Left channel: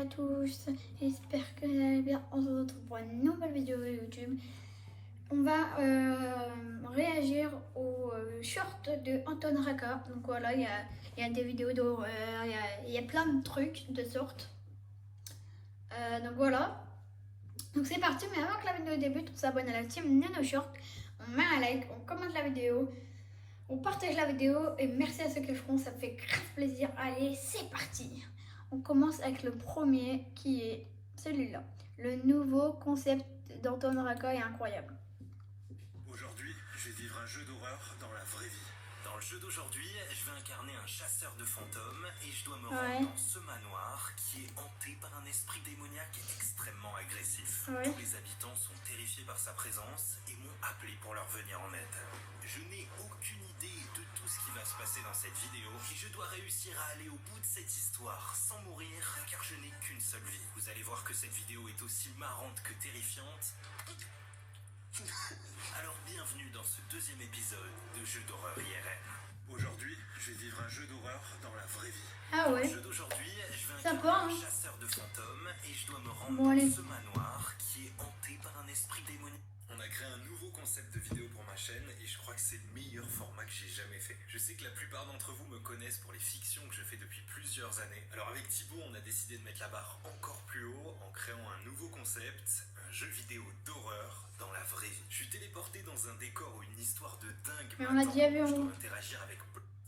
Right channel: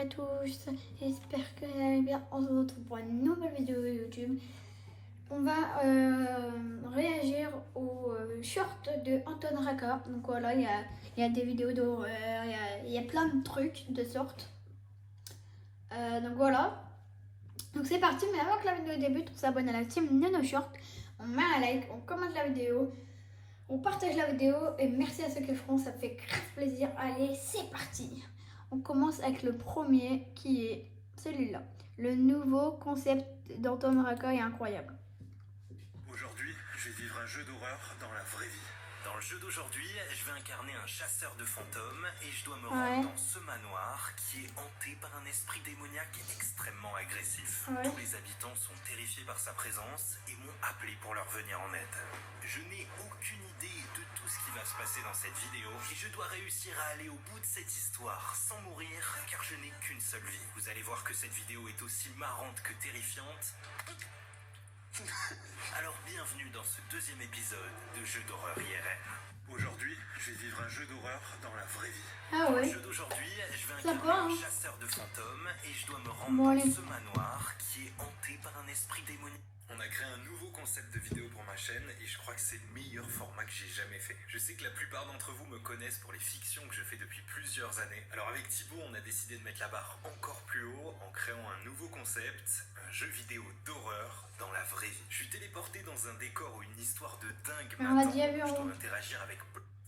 à tous, j'espère que vous allez bien. On se retrouve pour une nouvelle vidéo YouTube. On va réagir au short de Anton Raka. Donc voilà, il y a des vidéos d'horreur, il y a plein de trucs de sorte. Donc voilà. Donc c'est parti, mais avant que la vidéo débute, on s'abonne à la team Nano Short. On met un like, on commente la vidéo, on partage la vidéo et merci à ceux qui le feront, ça me fait grave plaisir. Allez, c'est parti. On commence avec le premier qui est celui-là. Le nouveau concept d'Anton Raka est incroyable. Aujourd'hui, je vais vivre un jeu d'horreur dans la vraie vie. Dans le jeu d'aujourd'hui, je vais incarner un chasseur de fantômes et je dois me rendre dans ce manoir qui est hanté par un esprit démoniaque extrêmement agressif. Tous les habitants sont terrifiés par sa présence et m'ont appelé pour leur venir en aide. Je n'ai aucune idée de tout ce qui va se passer dans cette vidéo et je dois réussir à aller au bout de cette histoire sans mourir car je n'ai qu'une seule vie. Vous allez voir que cette vidéo est aussi marrante que terrifiante. Alors bienvenue dans ce deuxième épisode de Jeux d'horreur IRL. Aujourd'hui, je vais vivre un jeu d'horreur dans la vraie vie. Ah ouais. Dans le jeu d'aujourd'hui, je vais incarner un chasseur de fantômes et je dois me rendre dans ce manoir qui est hanté par un esprit démoniaque. On a créé un nouveau concept de vidéo pour ma chaîne et je crois que c'est le meilleur format que j'ai jamais fait. Je sais que la plupart d'entre vous me connaissent pour les fictions que je fais depuis plusieurs années. Alors avec Thibaut, on a décidé de mettre la barre encore plus haut en créant un nouveau concept, un jeu vidéo d'horreur dans la vraie vie. Je suis téléporté dans un décor où une histoire de dingue m'attend. Je dois interagir avec...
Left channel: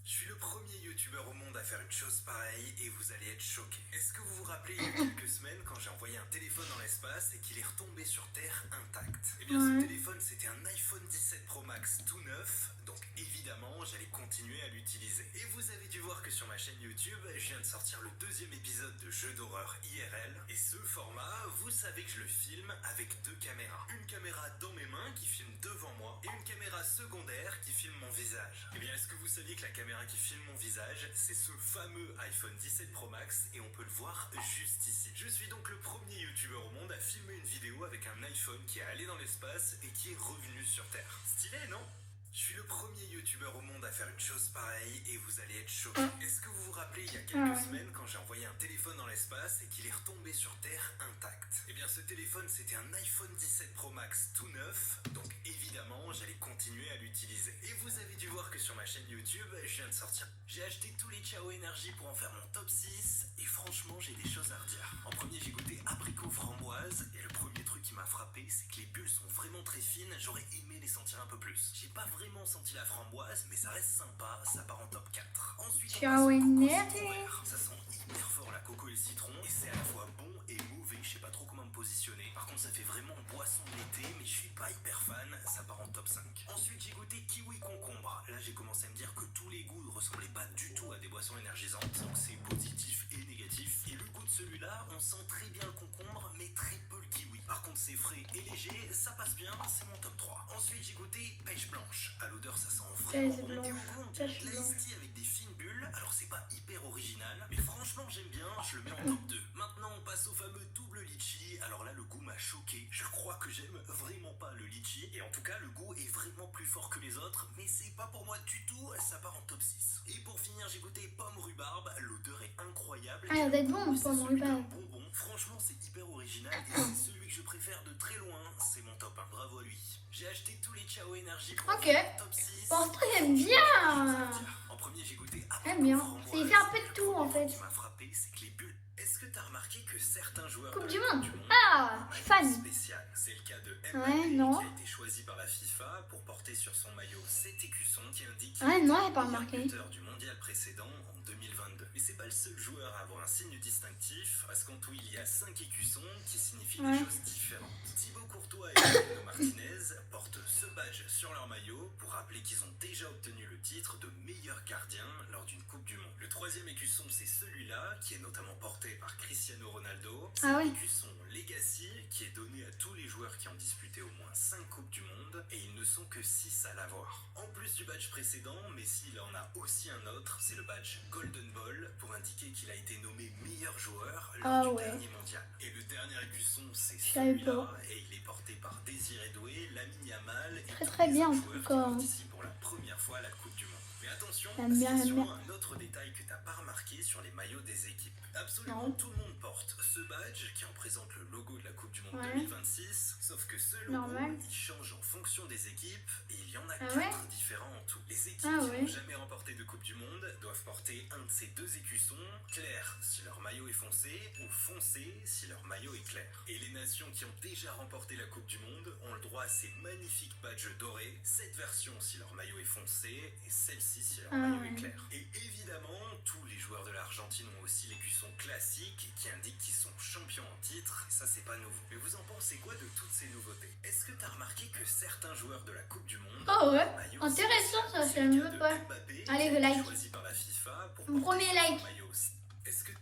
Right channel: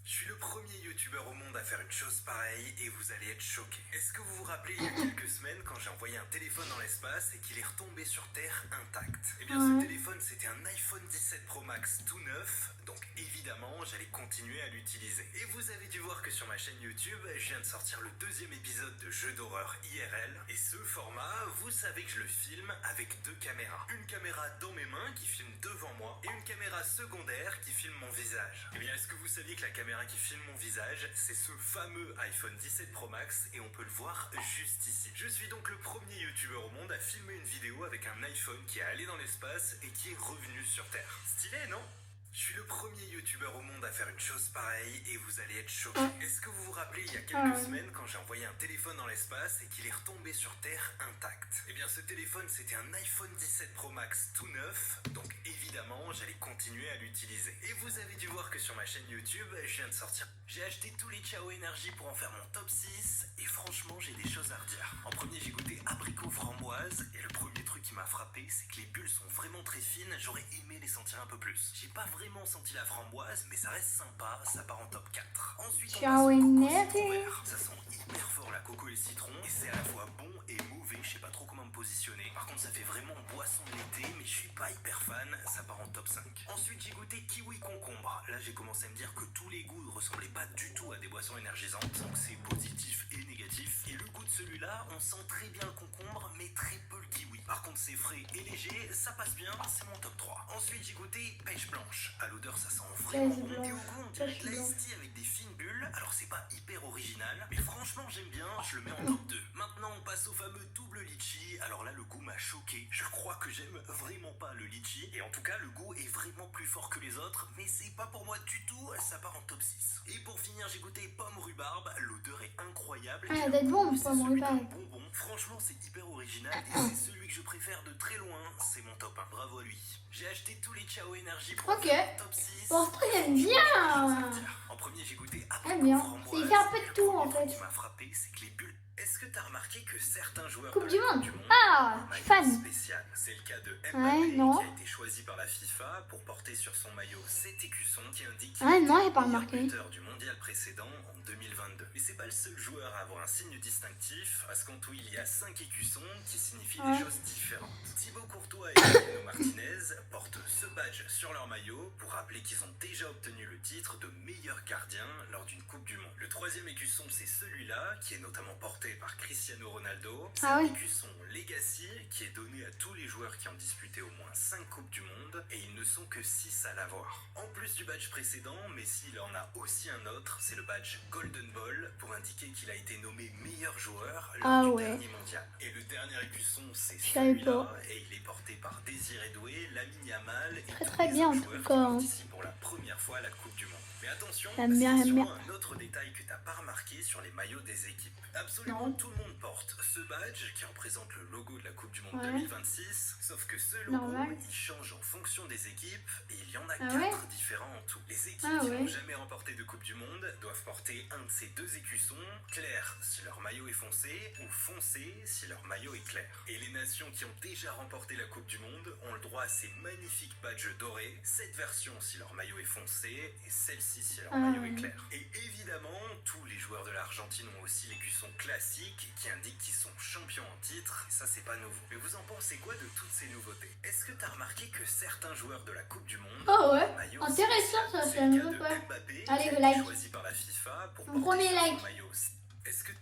Je suis le premier youtubeur au monde à faire une chose pareille et vous allez être choqués. Est-ce que vous vous rappelez il y a quelques semaines quand j'ai envoyé un téléphone dans l'espace et qu'il est retombé sur Terre intact? Eh bien ce téléphone c'était un iPhone 17 Pro Max tout neuf, donc évidemment j'allais continuer à l'utiliser. Et vous avez dû voir que sur ma chaîne YouTube, je viens de sortir le deuxième épisode de Jeux d'horreur IRL. Et ce format, vous savez que je le filme avec deux caméras. Une caméra dans mes mains qui filme devant moi et une caméra secondaire qui filme mon visage. Eh bien est-ce que vous saviez que la caméra qui filme mon visage, c'est ce fameux iPhone 17 Pro Max et on peut le voir juste ici. Je suis donc le premier youtubeur au monde à filmer une vidéo avec un iPhone qui est allé dans l'espace et qui est revenu sur Terre. Stylé, non ? Je suis le premier youtubeur au monde à faire une chose pareille et vous allez être choqués. Est-ce que vous vous rappelez il y a quelques semaines quand j'ai envoyé un téléphone dans l'espace et qu'il est retombé sur Terre intact? Eh bien ce téléphone c'était un iPhone 17 Pro Max tout neuf, donc évidemment j'allais continuer à l'utiliser. Et vous avez dû voir que sur ma chaîne YouTube, je viens de sortir. J'ai acheté tous les Ciao Énergie pour en faire mon top 6 et franchement j'ai des choses à redire. En premier j'ai goûté abricot framboise et le premier truc qui m'a frappé c'est que les bulles sont vraiment très fines, j'aurais aimé les sentir un peu plus. J'ai pas vraiment senti la framboise mais ça reste sympa, ça part en top 4. Ensuite on passe au coco citron vert. Ça sent hyper fort la coco et le citron et c'est à la fois bon et mauvais, je sais pas trop comment me positionner. Par contre ça fait vraiment boisson de l'été mais je suis pas hyper fan, ça part en top 5. Ensuite j'ai goûté kiwi concombre. Là j'ai commencé à me dire que tous les goûts ne ressemblaient pas du tout à des boissons énergisantes, donc c'est positif et négatif. Et le goût de celui-là, on sent très bien le concombre mais très peu le kiwi. Par contre c'est frais et léger, ça passe bien, c'est mon top 3. Ensuite j'ai goûté pêche blanche. À l'odeur ça sent vraiment bon et au goût on dirait de l'ice tea avec des fines bulles. Alors c'est pas hyper original mais franchement j'aime bien, je le mets en top 2. Maintenant on passe au fameux double litchi. Alors là le goût m'a choqué, je crois que j'aime vraiment pas le litchi et en tout cas le goût est vraiment plus fort que les autres mais c'est pas pour moi du tout, ça part en top 6. Et pour finir j'ai goûté pomme rhubarbe, l'odeur est incroyable. Ah d'être bon pomme rhubarbe. Bonbon. Franchement c'est hyper original et c'est celui que je préfère de très loin, c'est mon top 1, bravo à lui. J'ai acheté tous les Ciao Énergie pour faire top 6. Bon, ce truc j'aime bien. En premier j'ai goûté bien. Il fait un peu de tout en fait. Ce qui m'a frappé c'est que les bulles. Est-ce que t'as remarqué que certains joueurs Coupe de du la monde. Coupe du Monde Ah, ont un maillot fan. spécial? C'est le cas de Mbappé qui a été choisi par la FIFA pour porter sur son maillot cet écusson qui indique qu'il est le meilleur buteur du mondial précédent en 2022. Mais c'est pas le seul joueur à avoir un signe distinctif, parce qu'en tout il y a 5 écussons qui signifient des choses différentes. Thibaut Courtois et Emiliano Martinez portent ce badge sur leur maillot pour rappeler qu'ils ont déjà obtenu le titre de meilleur gardien lors d'une Coupe du Monde. Le troisième écusson c'est celui-là qui est notamment porté par Cristiano Ronaldo. C'est l'écusson Legacy qui est donné à tous les joueurs qui ont disputé au moins 5 Coupes du Monde et ils ne sont que 6 à l'avoir. En plus du badge précédent, Messi il en a aussi un autre, c'est le badge Golden Ball pour indiquer qu'il a été nommé meilleur joueur lors du dernier mondial. Et le dernier écusson c'est celui-là et il est porté par Désiré Doué, Lamine Yamal et tous les autres joueurs qui participent pour la première fois à la Coupe du Monde. Mais attention, J'aime bien, c'est j'aime bien. sûrement un autre détail que t'as pas remarqué sur les maillots des équipes. Absolument Non. tout le monde porte ce badge qui représente le logo de la Coupe du Monde Ouais. 2026, sauf que ce logo, Normal. il change en fonction des équipes et il y en a Ah 4 ouais différents en tout. Les équipes Ah qui ouais. n'ont jamais remporté de Coupe du Monde doivent porter un de ces deux écussons, clair si leur maillot est foncé ou foncé si leur maillot est clair. Et les nations qui ont déjà remporté la Coupe du Monde ont le droit à ces magnifiques badges dorés, cette version si leur maillot est foncé et celle-ci si leur maillot est clair. Et évidemment, tous les joueurs de l'Argentine ont aussi l'écusson classique qui indique qu'ils sont champions en titre, ça c'est pas nouveau. Mais vous en pensez quoi de toutes ces nouveautés? Est-ce que t'as remarqué que certains joueurs de la Coupe du Monde Oh ouais, ont un maillot intéressant ça, spécial? c'est C'est un le cas nouveau de pas. Mbappé, Allez, qui a le été like. choisi par la FIFA pour Mon porter premier sur son like. maillot aussi. Est-ce que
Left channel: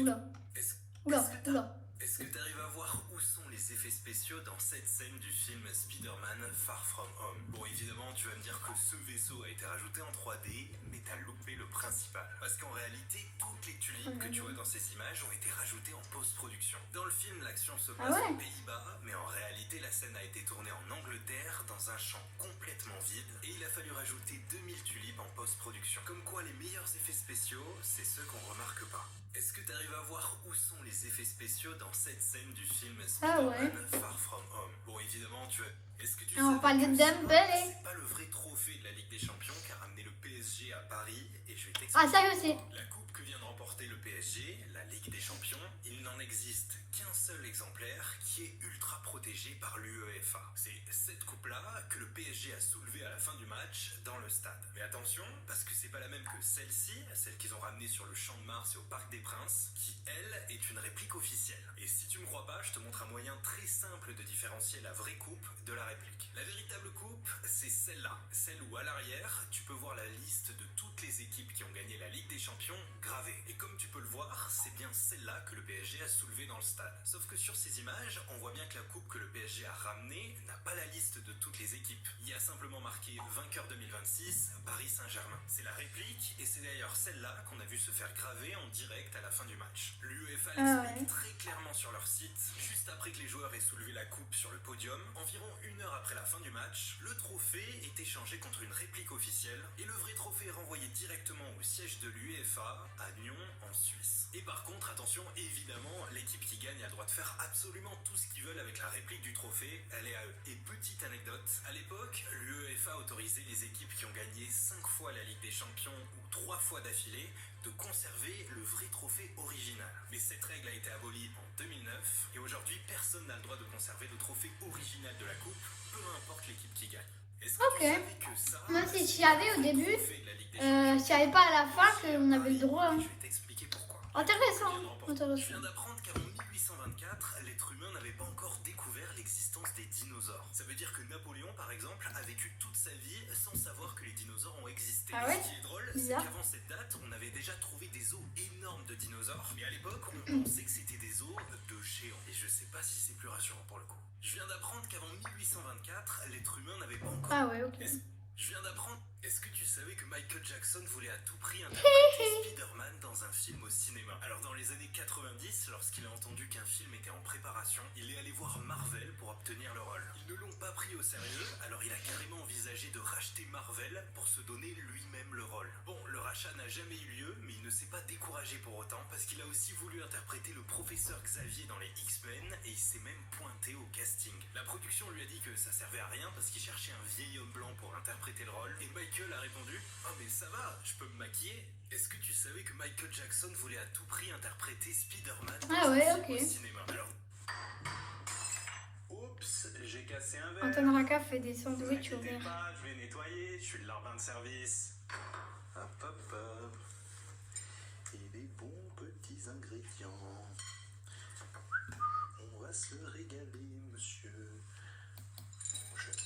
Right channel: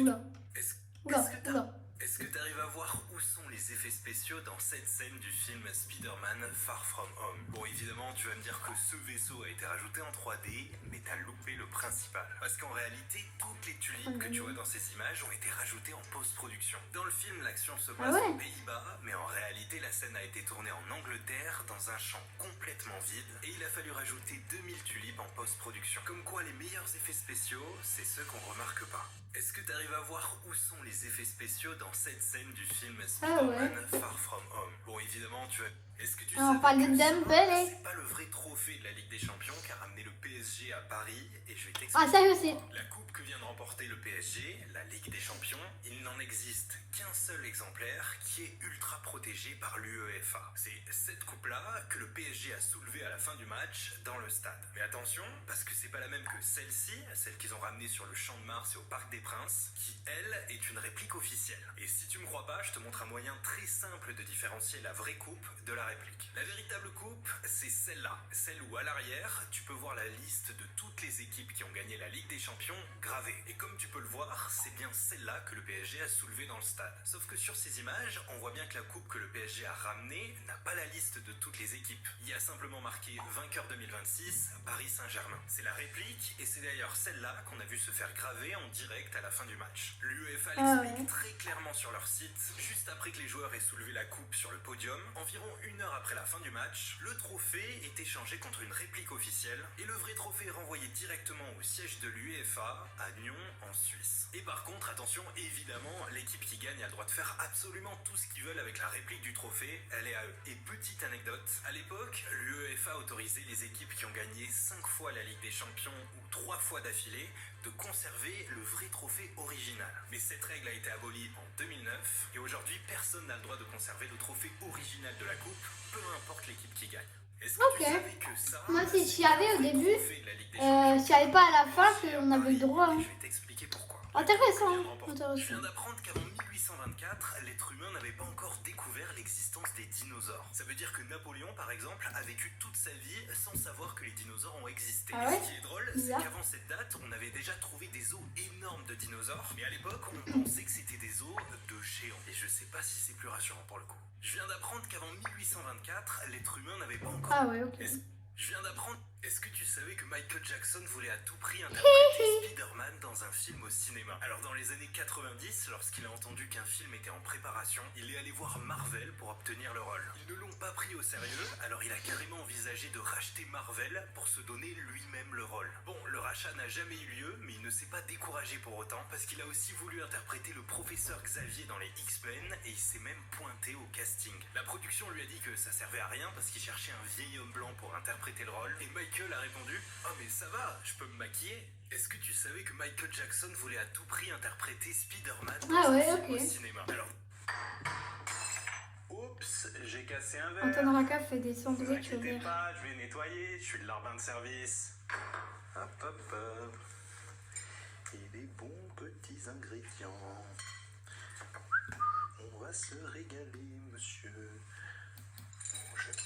Oula, est-ce oula, que oula. est-ce que tu arrives à voir où sont les effets spéciaux dans cette scène du film Spider-Man Far From Home? Bon, évidemment, tu vas me dire que ce vaisseau a été rajouté en 3D, mais t'as loupé le principal. Parce qu'en réalité, toutes les tulipes que tu vois dans ces images ont été rajoutées en post-production. Dans le film, l'action se passe aux Pays-Bas, mais en réalité, la scène a été tournée en Angleterre, dans un champ complètement vide, et il a fallu rajouter 2000 tulipes en post-production. Comme quoi, les meilleurs effets spéciaux, c'est ceux qu'on remarque pas. Est-ce que tu arrives à voir où sont les effets spéciaux dans cette scène du film Spider-Man Far From Home? Bon, évidemment, tu as... Est-ce que tu sais On parle de que ça, Dembélé. c'est pas le vrai trophée de la Ligue des Champions qu'a ramené le PSG à Paris? Et je vais t'expliquer. Ah ça je sais. La coupe que vient de remporter le PSG, la Ligue des Champions, il n'en existe qu'un seul exemplaire qui est ultra protégé par l'UEFA. C'est cette coupe-là que le PSG a soulevée à la fin du match dans le stade. Mais attention, parce que c'est pas la même que celle-ci, celle qu'ils ont ramenée sur le Champ de Mars et au Parc des Princes, qui elle est une réplique officielle. Et si tu me crois pas, je te montre un moyen très simple de différencier la vraie coupe de la réplique. La véritable coupe, c'est celle-là, celle où à l'arrière, tu peux voir la liste de toutes les équipes qui ont gagné la Ligue des Champions gravée. Et comme tu peux le voir, c'est bien celle-là que le PSG a soulevée dans le stade. Sauf que sur ces images, on voit bien que la coupe que le PSG a ramenée n'a pas la liste de toutes les équipes. Il y a simplement marqué vainqueur 2026, Paris Saint-Germain. C'est la réplique et c'est d'ailleurs celle-là qu'on a vu se faire graver en direct à la fin du match. L'UEFA l'explique très clairement sur leur site. Juste après que les joueurs aient soulevé la coupe sur le podium, environ 1 heure après la fin du match, le trophée est échangé contre une réplique officielle et le vrai trophée est renvoyé directement au siège de l'UEFA à Nyon en Suisse. Et par contre, attention, évidemment, l'équipe qui gagne a le droit de faire absolument tout ce qu'ils veulent avec la réplique du trophée, elle est à eux. Et petite anecdote, à l'époque, l'UEFA autorisait les équipes qui ont gagné 5 fois la Ligue des Champions ou 3 fois d'affilée de conserver le vrai trophée original. Mais cette règle a été abolie en 2009 et aujourd'hui, personne n'a le droit de conserver le trophée original de la coupe, peu importe l'équipe qui gagne. Est-ce que tu savais que ça, Moi si j'y avais au début, trophée de la Ligue des Champions, je savais pas à la fin qu'on avait le droit. je vais t'expliquer pourquoi. Intéressant, Je viens intéressant. d'apprendre qu'avant 1824, l'être humain n'avait pas encore découvert l'existence des dinosaures. Ça veut dire que Napoléon, par exemple, a vécu toute sa vie sans savoir que les dinosaures ont existé. Ah ouais? Et ce qui est drôle, c'est Bizarre. qu'avant cette date, on avait déjà trouvé des os énormes de dinosaures. Mais à l'époque, on pensait que c'était des os de géants. Et je sais pas si c'est plus rassurant pour le coup. Je viens d'apprendre qu'avant 1824, l'être humain n'avait pas encore... Ah ouais, ok. Je viens d'apprendre. Est-ce que tu savais que Michael Jackson voulait à tout prix interpréter Spider-Man dans un film au cinéma? Alors dans les années 90, lorsqu'il a entendu qu'un film était en préparation, il est allé voir Marvel pour obtenir le rôle. Ils ne l'ont pas pris au sérieux, alors il a carrément envisagé de racheter Marvel pour se donner lui-même le rôle. Bon, le rachat n'a jamais eu lieu, mais il ne s'est pas découragé pour autant, parce qu'il a aussi voulu interpréter le professeur Xavier dans les X-Men, et il s'est même pointé au casting. La production lui a dit que ça servait à rien, parce qu'il cherchait un vieil homme blanc pour interpréter le rôle, et Michael a répondu « Oh mais ça va, je peux me maquiller ». Est-ce que tu savais que Michael Jackson voulait à tout prix interpréter Spider-Man dans un film au cinéma? Alors... Oups, j'ai cassé un verre. Anton Raka fait des Ne vous sandwichs au inquiétez verre. pas, je vais nettoyer, je suis le larbin de service. Hop hop hop. Et des bons petits ingrédients. On va se régaler, monsieur. On jette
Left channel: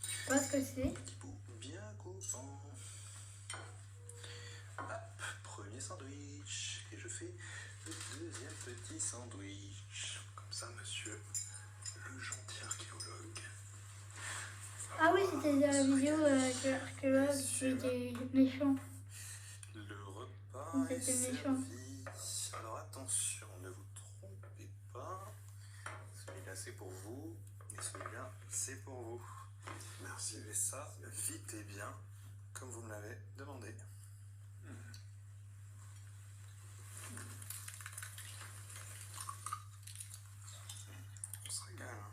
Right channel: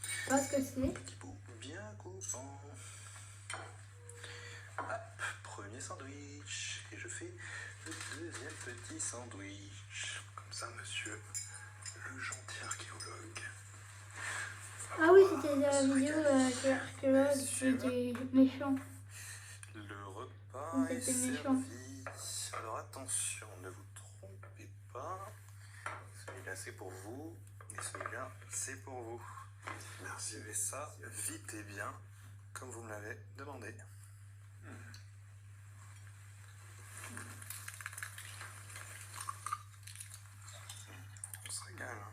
Je sais pas ce que c'est. un petit bout bien coupant. Hop, premier sandwich. Et je fais le deuxième petit sandwich. Comme ça, monsieur, le gentil archéologue. Ah oui, c'était la vidéo de l'archéologue qui était méchant. Le repas Donc, est c'était méchant. servi. Alors attention, ne vous trompez pas. Celui-là c'est pour vous et celui-là c'est pour vous. Merci. Et ça vite et bien. comme vous me l'avez demandé. On se régale. Hein.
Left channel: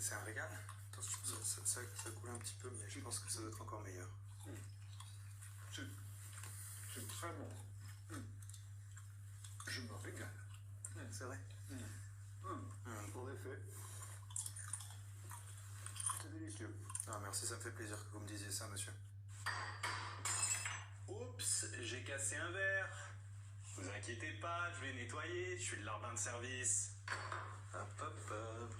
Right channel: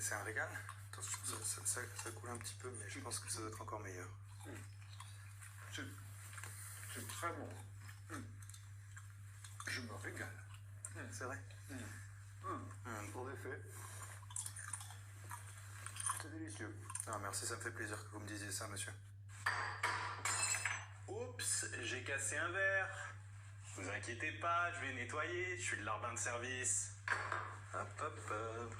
C'est un régal. Attention, ça coule un petit peu, mais je pense que ça doit être encore meilleur. C'est très bon. Je me régale. C'est vrai. Pour effet, c'est délicieux. Ah, merci, ça me fait plaisir que vous me disiez ça, monsieur. Oups, j'ai cassé un verre. Vous inquiétez pas, je vais nettoyer, je suis le larbin de service. Hop, hop, hop.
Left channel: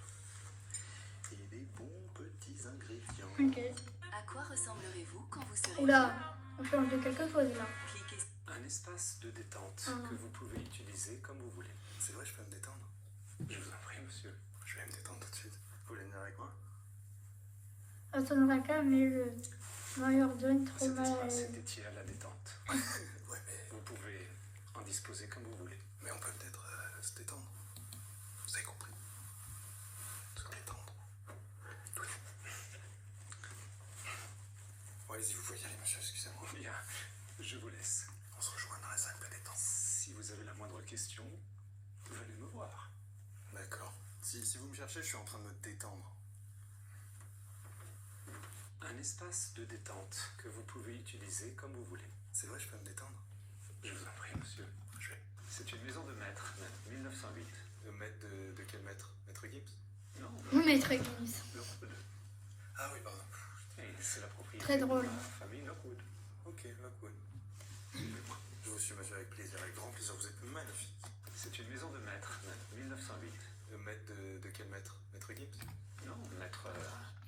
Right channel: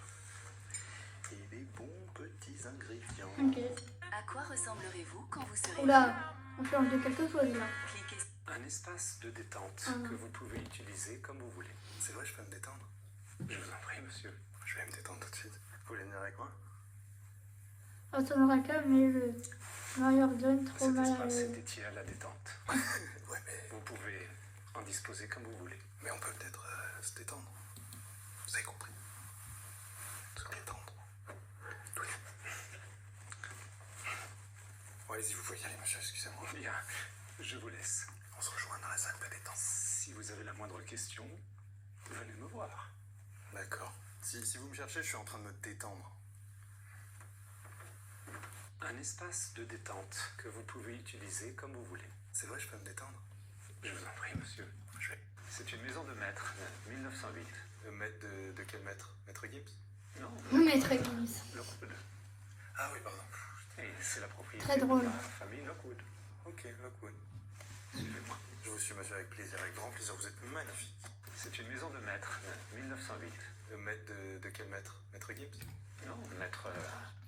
Et des bons petits ingrédients. Ok. À quoi ressemblerez-vous quand vous serez... Oula, on change de quelque chose là. Cliquez Un espace de détente que vous pouvez utiliser comme vous voulez. C'est vrai, je peux me détendre. Je vous en prie, monsieur. Je vais me détendre tout de suite. Vous voulez venir avec moi? Anton mais le Mario John trop Cet mal. espace est dédié à la détente. Ouais, mais Vous pouvez en disposer comme vous voulez. on peut peut-être se détendre. Vous avez compris? Se détendre. Oui. Bon, allez-y, vous pouvez y aller, monsieur, excusez-moi. Bien, je vous laisse. On se rejoint dans la salle de détente. Si vous avez la moindre question, venez me voir. D'accord. Si vous me cherchez, je suis en train de me détendre. Un espace de détente que vous pouvez utiliser comme vous voulez. C'est vrai, je peux me détendre? Je vous en prie, monsieur. Je vais. C'est une maison de maître, 1908. Maître de quel maître? Maître Gibbs? Non, Maître Gibbs. Lockwood. Ah oui, pardon. Et c'est la propriété Très drôle. de la famille Lockwood. Ok, Lockwood. Suivez-moi. Je vous suis, monsieur, avec plaisir, avec grand plaisir. Vous êtes magnifique. C'est une maison de maître, 1908. Maître de quel maître? Maître Gibbs? Non, maître...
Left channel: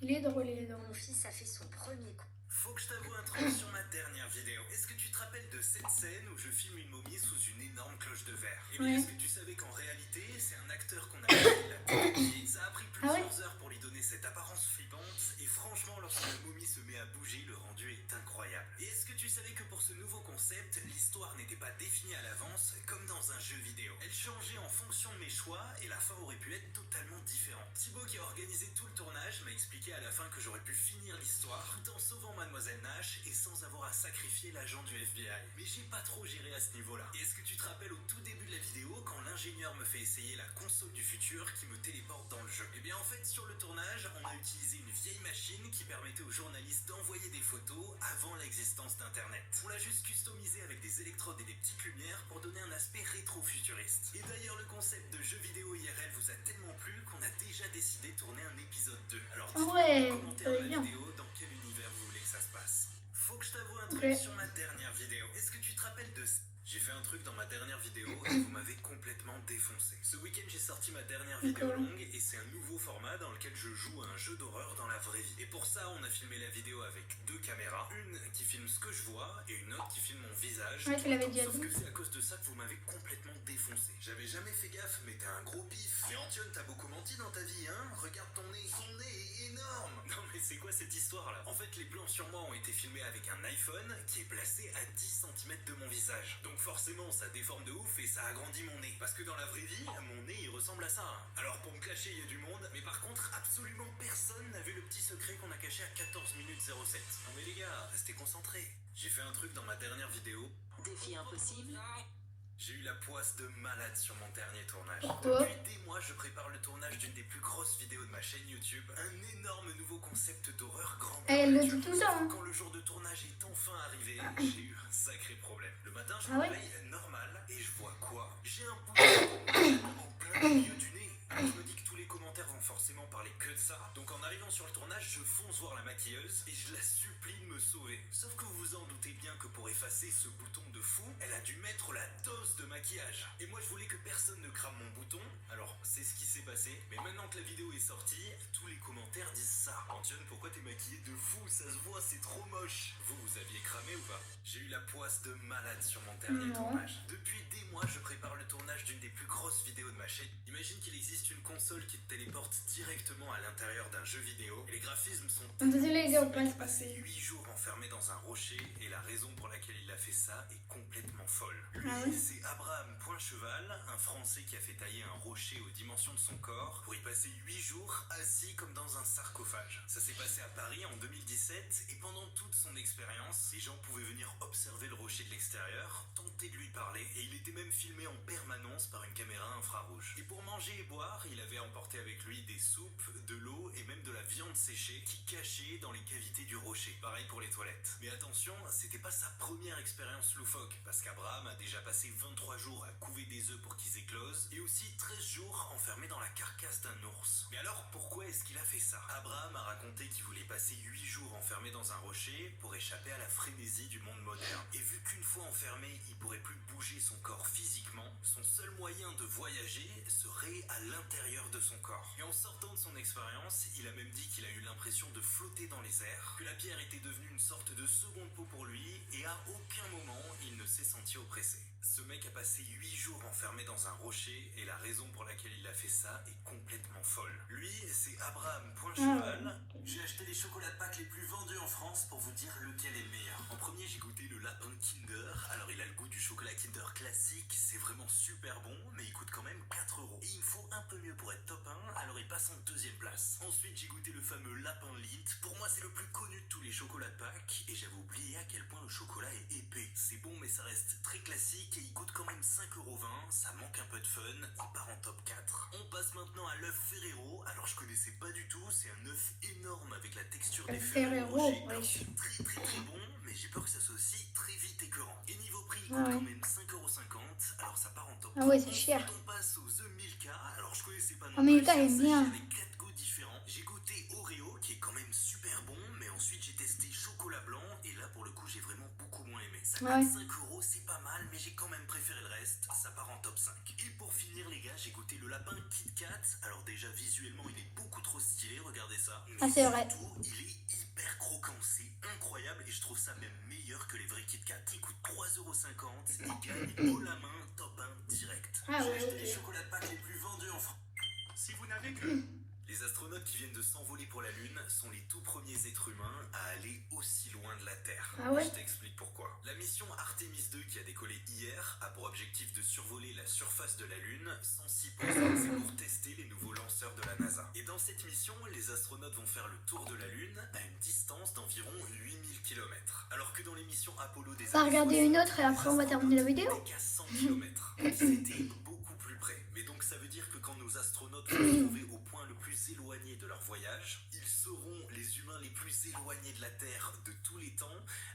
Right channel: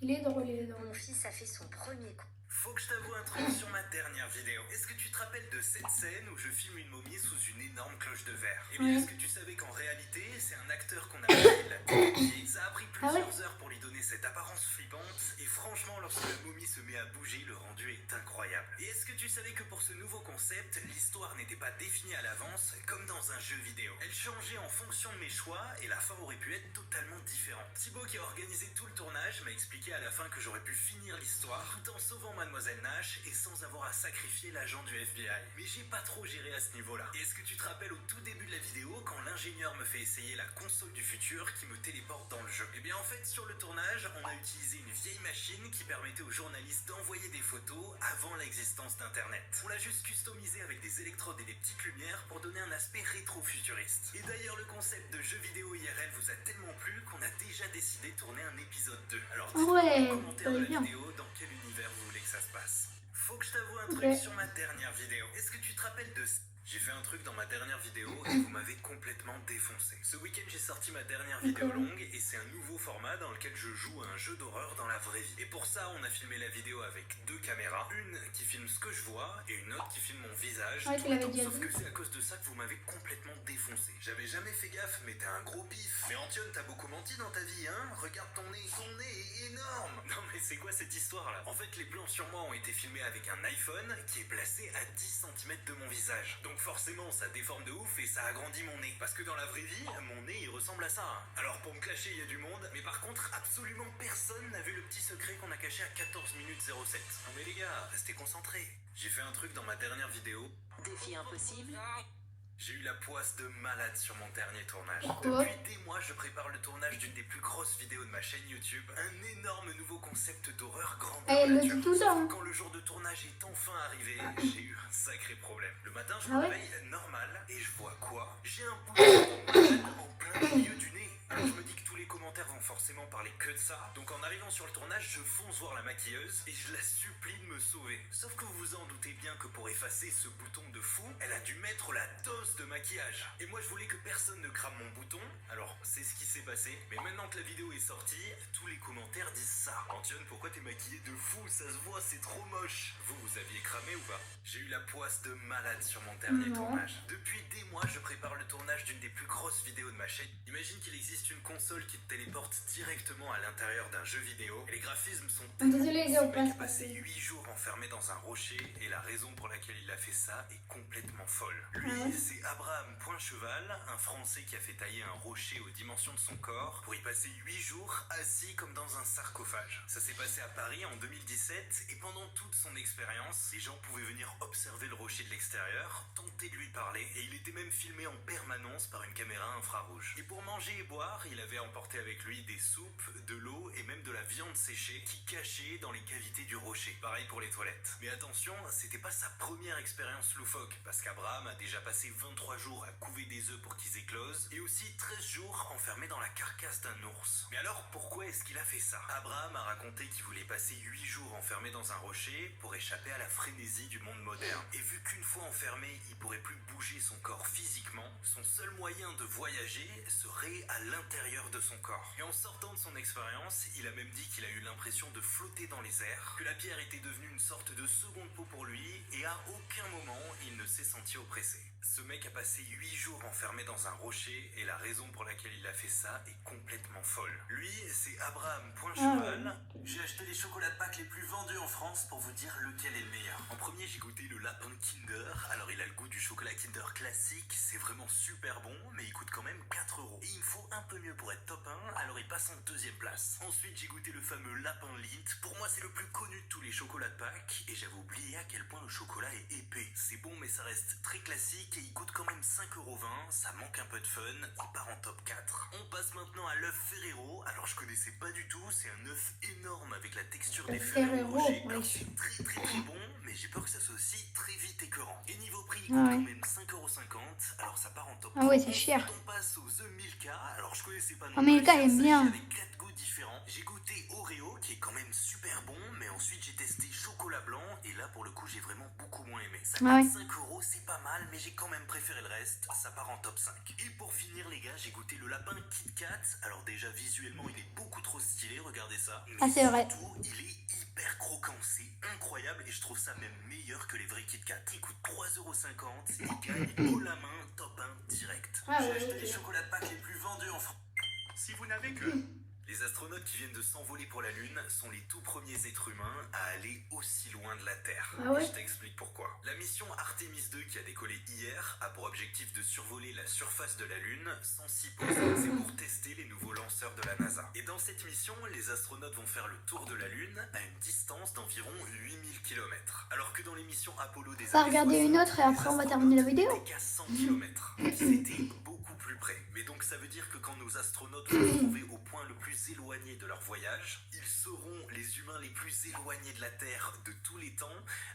Il est drôle, il est drôle. Mon fils a fait son premier coup. Faut que je t'avoue un truc sur ma dernière vidéo. Est-ce que tu te rappelles de cette scène où je filme une momie sous une énorme cloche de verre? Eh bien, Oui. est-ce que tu savais qu'en réalité, c'est un acteur qu'on appelle la tête de pied? Ça a pris plusieurs heures pour lui donner cette apparence flippante, et franchement, lorsque la momie se met à bouger, le rendu est incroyable. Et est-ce que tu savais que pour ce nouveau concept, l'histoire n'était pas définie à l'avance, comme dans un jeu vidéo? Elle changeait en fonction de mes choix, et la fin aurait pu être totalement différente. Thibaut, qui a organisé tout le tournage, m'a expliqué à la fin que j'aurais pu finir l'histoire tout en sauvant Mademoiselle Nash et sans avoir à sacrifier l'agent du FBI. Mais j'ai pas trop géré à ce niveau-là. Et est-ce que tu te rappelles au tout début de la vidéo, quand l'ingénieur me fait essayer la console du futur qui me téléporte dans le jeu? Eh bien en fait, sur le tournage, on a utilisé une vieille machine qui permettait aux journalistes d'envoyer des photos avant l'existence d'Internet. On l'a juste customisé avec des électrodes et des petites lumières pour donner un aspect rétro-futuriste. Et d'ailleurs, le concept de jeu vidéo IRL vous a tellement plu qu'on a déjà décidé de tourner un épisode 2. Alors dites-moi Ouais, en commentaire ça de va la bien. vidéo dans quel univers vous voulez que ça se passe. Faut que je t'avoue un truc Ok. sur ma dernière vidéo. Est-ce que tu te rappelles de... J'ai fait un truc dans ma dernière vidéo et vous m'avez complètement défoncé. Ce week-end, j'ai sorti ma dernière vidéo longue et c'est un nouveau format dans lequel je joue à un jeu d'horreur dans la vraie vie. Et pour ça, on a filmé la vidéo avec 2 caméras. Une qui filme ce que je vois et une autre qui filme mon visage. Ouais, tu tout le l'avais temps. déjà Sauf dit. que c'est à cause de ça que vous m'avez complètement défoncé. J'avais jamais fait gaffe, mais t'es un gros pif. Mais Antion, t'as beaucoup menti dans ta vie, hein? Regarde ton nez. Ton nez est énorme. Non mais c'est quoi cette histoire là? En fait, les plans sur moi ont été filmés avec un iPhone qui est placé à 10 cm de mon visage. Donc forcément, ça déforme de ouf et ça agrandit mon nez. Parce que dans la vraie vie, mon nez il ressemble à ça. Hein. Alors pour me clasher, il y a du monde, mais par contre, absolument personne n'a vu le petit secret qu'on a caché à 14 minutes 07. Non mais les gars, restez concentrés. J'ai fait un truc dans ma dernière vidéo. Défi impossible. J'ai eu la poisse de malade sur mon dernier tournage. Pourquoi? Depuis des mois, je prépare le tournage d'une des plus grosses vidéos de ma chaîne YouTube. Un énorme nouveau concept d'horreur grand. Elle le dit tout le temps. Hein. Quand le jour de tournage est enfin arrivé, j'ai eu un sacré problème. Le matin, je Ah me ouais? réveille normal et je vois quoi? J'ai un bouton de malade en plein milieu du nez. Alors je me dis que tous les commentaires vont forcément parler que de ça. Donc en arrivant sur le tournage, je fonce voir la maquilleuse et je la supplie de me sauver. Sauf que vous vous en doutez bien que pour effacer ce bouton de fou, elle a dû mettre la dose de maquillage. Et moi je voulais que personne ne crame mon bouton. Alors c'est ce qui s'est passé. Mais maintenant que la vidéo est sortie, tous les commentaires disent ça. Antion, pourquoi t'es maquillée de fou? Ça se voit, c'est trop moche. Vous aviez cramé ou pas? J'ai eu la poisse de malade sur mon dernier Non. tournage. Depuis des mois, je prépare le tournage d'une des plus grosses vidéos de ma chaîne. Imagine qu'il existe une console qui te téléporte directement à l'intérieur d'un jeu vidéo. Et les graphismes sont Désolé les gars, on J'ai passe. passé 8 jours enfermé dans un rocher et la raison pour laquelle il a fait ça est complètement folle. Lui, Ah ouais. c'est Abraham Poincheval, un Français qui a fait tailler un rocher aux dimensions de son corps pour y passer 8 jours assis comme dans un sarcophage. Ça s'est passé à Paris en 2017 et pendant toute son expérience, les gens pouvaient venir observer le rocher de l'extérieur, tenter de lui parler et il était même filmé en permanence par une caméra infrarouge. Et pour manger et boire, il avait emporté avec lui des soupes, de l'eau et même de la viande séchée qui cachait dans les cavités du rocher. Pareil pour les toilettes. Mais attention, c'était pas sa première expérience loufoque, parce qu'Abraham a déjà passé 23 jours à couver des œufs pour qu'ils éclosent, et aussi 13 jours enfermé dans la carcasse d'un ours. Mais alors, pourquoi est-ce qu'il a fait ça? Abraham a raconté qu'il voulait passer 8 jours enfermé dans un rocher pour échapper à la frénésie du monde moderne. Et vu qu'une fois enfermé, il pourrait plus bouger son corps physiquement, son seul moyen de voyager serait à l'intérieur de son corps. Et en sortant de son expérience, il a même dit qu'il a eu l'impression de flotter dans les airs, que la pierre était devenue une sorte de seconde peau pour lui, et à aucun moment il ne s'est senti oppressé. Ce mec a passé 8 jours enfermé dans un rocher, et la raison pour laquelle il a fait ça est complètement folle. Lui, c'est Abraham Poincheval. J'ai acheté les chocolats de Pâques les plus vendus en France pour vous dire lequel est le meilleur. En premier, j'ai goûté le lapin Kinder. Alors, il a le goût du chocolat Kinder classique, c'est vraiment super bon, mais il coûte quand même 4 €. Et il me faut un peu mieux pour être top 1, alors il passe en deuxième place. Ensuite, j'ai goûté le fameux lapin Lindt. Pour moi, c'est le plus connu de tous les chocolats de Pâques, et j'avais oublié à quel point le chocolat est épais. C'est bon, mais ça reste très classique, et il coûte quand même 5,20 €, ça manque un peu de fun, il part en top 4. On passe maintenant à l'œuf Ferrero. Alors, je connaissais pas du tout, c'est un œuf énorme avec la texture des Ferrero Ferrero, Rocher. ouais. Alors, c'est très bon, mais j'ai peur que ça soit aussi très vite écœurant. Et niveau prix, il coûte quand même 5,50 €, alors ça part en top 3. Ah ouais, c'est cher. Ensuite, on passe aux œufs Milka. Alors, je connaissais pas non Ah, Milka plus, est ça bien. s'agit avec 4 goûts différents. J'ai goûté Oreo, qui est quand même super bon, mais ensuite j'ai testé chocolat blanc, et là, pour le coup, j'ai vraiment beaucoup moins aimé. Ça coûte Ah ouais. 5 €, c'est pas mal, mais j'ai quand même préféré le reste. Ça part en top 5. Et pour finir, les gars, j'ai goûté le lapin Kit Kat. Alors déjà, visuellement, il est beaucoup trop stylé, regardez ça. Mais Ah, c'est vrai. surtout, il est hyper croquant. C'est incroyable, et je trouve ça même meilleur que les vrais Kit Kat. Il coûte 3,50 € et gagne haut la main, top 1 direct. Ah J'ai ouais, acheté ok. les chocolats de Pâques les plus vendus en France. Si vous n'avez que... Les astronautes qui viennent de s'envoler pour la Lune sont les tout premiers êtres humains à aller aussi loin de la Terre. Ah ouais. Je t'explique pourquoi. La mission Artemis 2 qui a décollé hier a pour objectif de survoler la surface de la Lune sans s'y poser. C'est pour tester les nouveaux lanceurs de la NASA. Et dans cette mission, les astronautes vont faire le tour de la Lune à une distance d'environ 8000 km. Alors que dans les missions Apollo des On va années regarder 60, une autre et après les on va terminer la astronautes vidéo. n'étaient qu'à 100 km. C'était beaucoup plus près. Mais donc ça veut dire que quand nos astronautes vont se trouver au point le plus éloigné de leur voyage, ils seront les humains les plus éloignés de la Terre de tous les temps,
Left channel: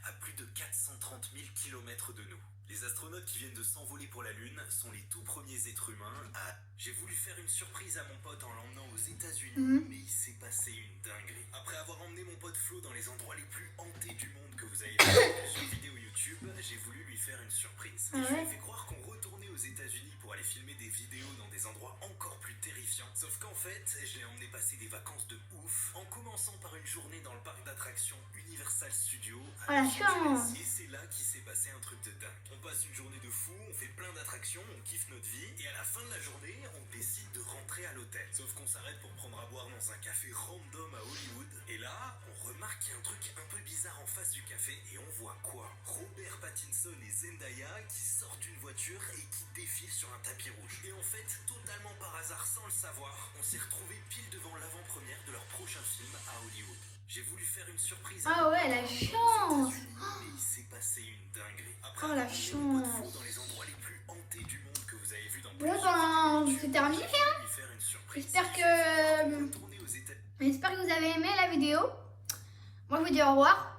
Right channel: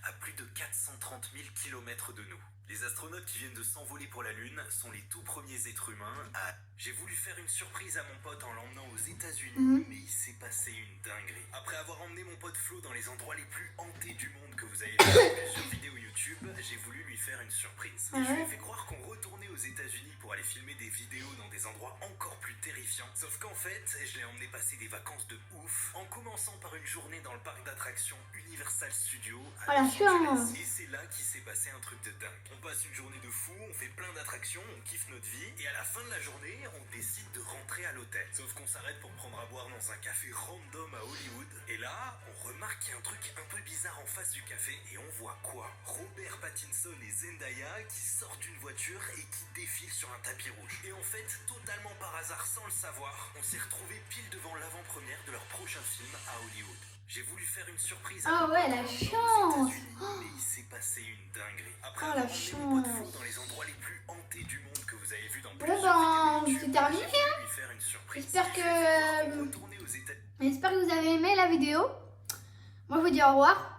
à plus de 430 000 km de nous. Les astronautes qui viennent de s'envoler pour la Lune sont les tout premiers êtres humains à... J'ai voulu faire une surprise à mon pote en l'emmenant aux États-Unis, mais il s'est passé une dinguerie. Après avoir emmené mon pote Flo dans les endroits les plus hantés du monde que vous avez vu dans plusieurs vidéos YouTube, j'ai voulu lui faire une surprise. Ah Je lui ai ouais. fait croire qu'on retournait aux États-Unis pour aller filmer des vidéos dans des endroits encore plus terrifiants. Sauf qu'en fait, je l'ai emmené passer des vacances de ouf, en commençant par une journée dans le parc d'attractions Universal Studios à Ah, la Los chance. Angeles. Et c'est là qu'il s'est passé un truc de dingue. On passe une journée de fou, on fait plein d'attractions, on kiffe notre vie, et à la fin de la journée, on décide de rentrer à l'hôtel. Sauf qu'on s'arrête pour prendre à boire dans un café random à Hollywood, et là, on remarque qu'il y a un truc un peu bizarre en face du café, et on voit quoi? Robert Pattinson et Zendaya qui sortent d'une voiture et qui défilent sur un tapis rouge. Et en fait, totalement par hasard, sans le savoir, on s'est retrouvés pile devant l'avant-première de leur prochain film à Hollywood. J'ai voulu faire une surprise. Ah ouais, la aux chance. États-Unis, mais il s'est passé une dinguerie. Après Oh, avoir la emmené mon pote chance. Flo dans les endroits les plus hantés du monde que vous avez vu dans Ouais, plusieurs ben, vidéos c'est YouTube, terminé, j'ai voulu lui faire une surprise. J'espère J'ai fait croire qu'on que... retournait aux États-Unis. J'espère que vous avez aimé la vidéo. Moi, je vous dis au revoir.